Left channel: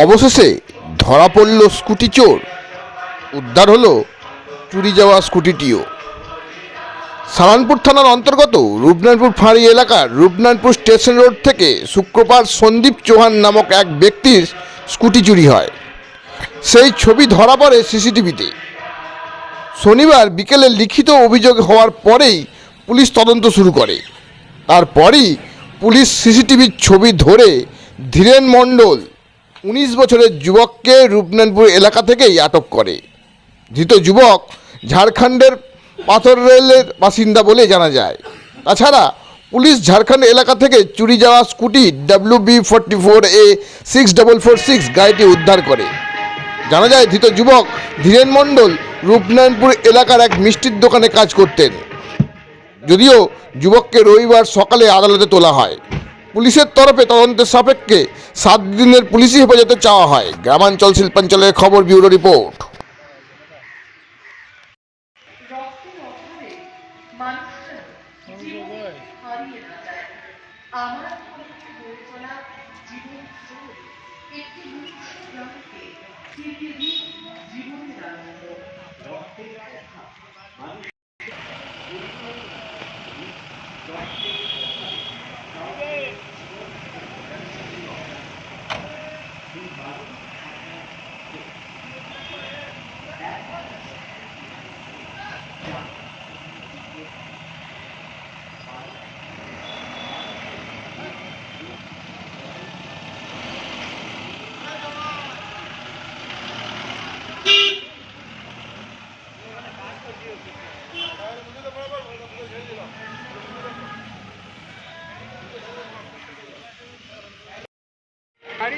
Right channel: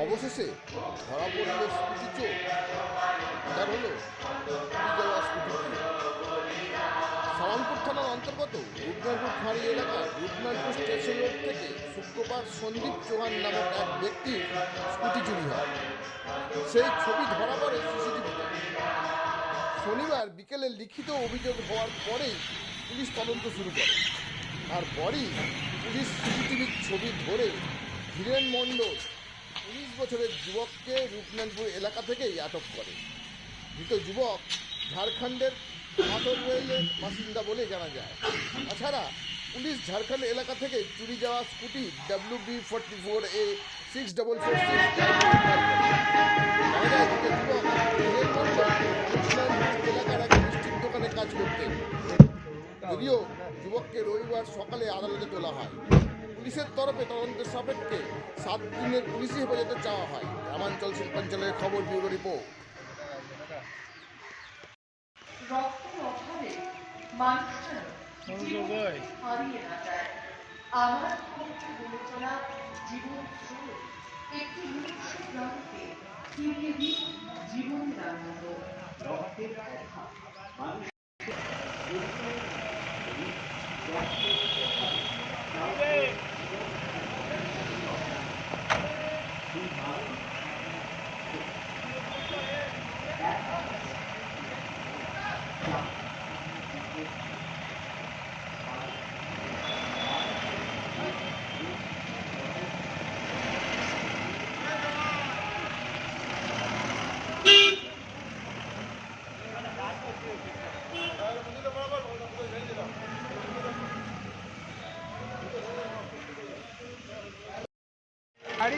অবশেষে ধরা পড়ল স্কুটি চোর। উদ্ধার হলো চুরি যাওয়া স্কুটিটিও। সালানপুর থানার অন্তর্গত রূপনারায়ণপুর ফাঁড়ি এলাকার রূপনারায়ণপুর স্টেশন রোড থেকে শুক্রবার সন্দীপ চৌহান নামক এক ব্যক্তির স্কুটি চুরি হয়। সেই ছবি ধরা পড়ে সিসিটিভিতে। শনিবার বিকেলে লিখিত অভিযোগ হওয়ার পরেই পুলিশ তদন্ত শুরু করে। তারপরই পুলিশ সিসিটিভির ছবি ধরে ধীরেন মণ্ডল উনিশ বছরের যুবককে রূপনারায়ণপুর এলাকা থেকেই আটক করে। ধৃত যুবক ঝাড়খণ্ডের পাথর রেলের বাসিন্দা বলে জানা যায়। তাছাড়া পুলিশ ঝাড়খণ্ড এলাকা থেকে চুরি যাওয়া scooty W B forty four A six double four six গাড়িটি উদ্ধার করে। জানা যায় ধৃত যুবক ধীরেন মণ্ডল রূপনারায়ণপুর এলাকার এক মিষ্টির দোকানে কাজ করতেন। যদিও যুবককে রবিবার সকালে আদালতে তোলা হয়। পুলিশের তরফে তদন্তের সাপেক্ষে সাত দিনের পুলিশি হেফাজতে চাওয়া হয়। গ্রামাঞ্চল শিল্পাঞ্চলের খবর ব্যুরো রিপোর্ট।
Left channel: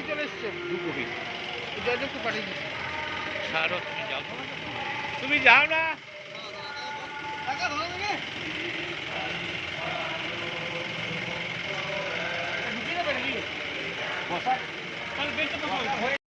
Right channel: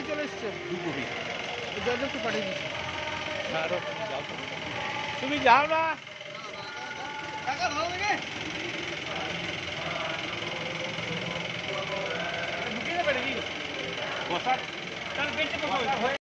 চলে এসছে। জজকে পাঠিয়ে দিচ্ছি তুমি যাও। না। টাকা ভালো লাগে ঢুকিয়ে দেবে নাকি? বসা। তাহলে বেঞ্চে বসা।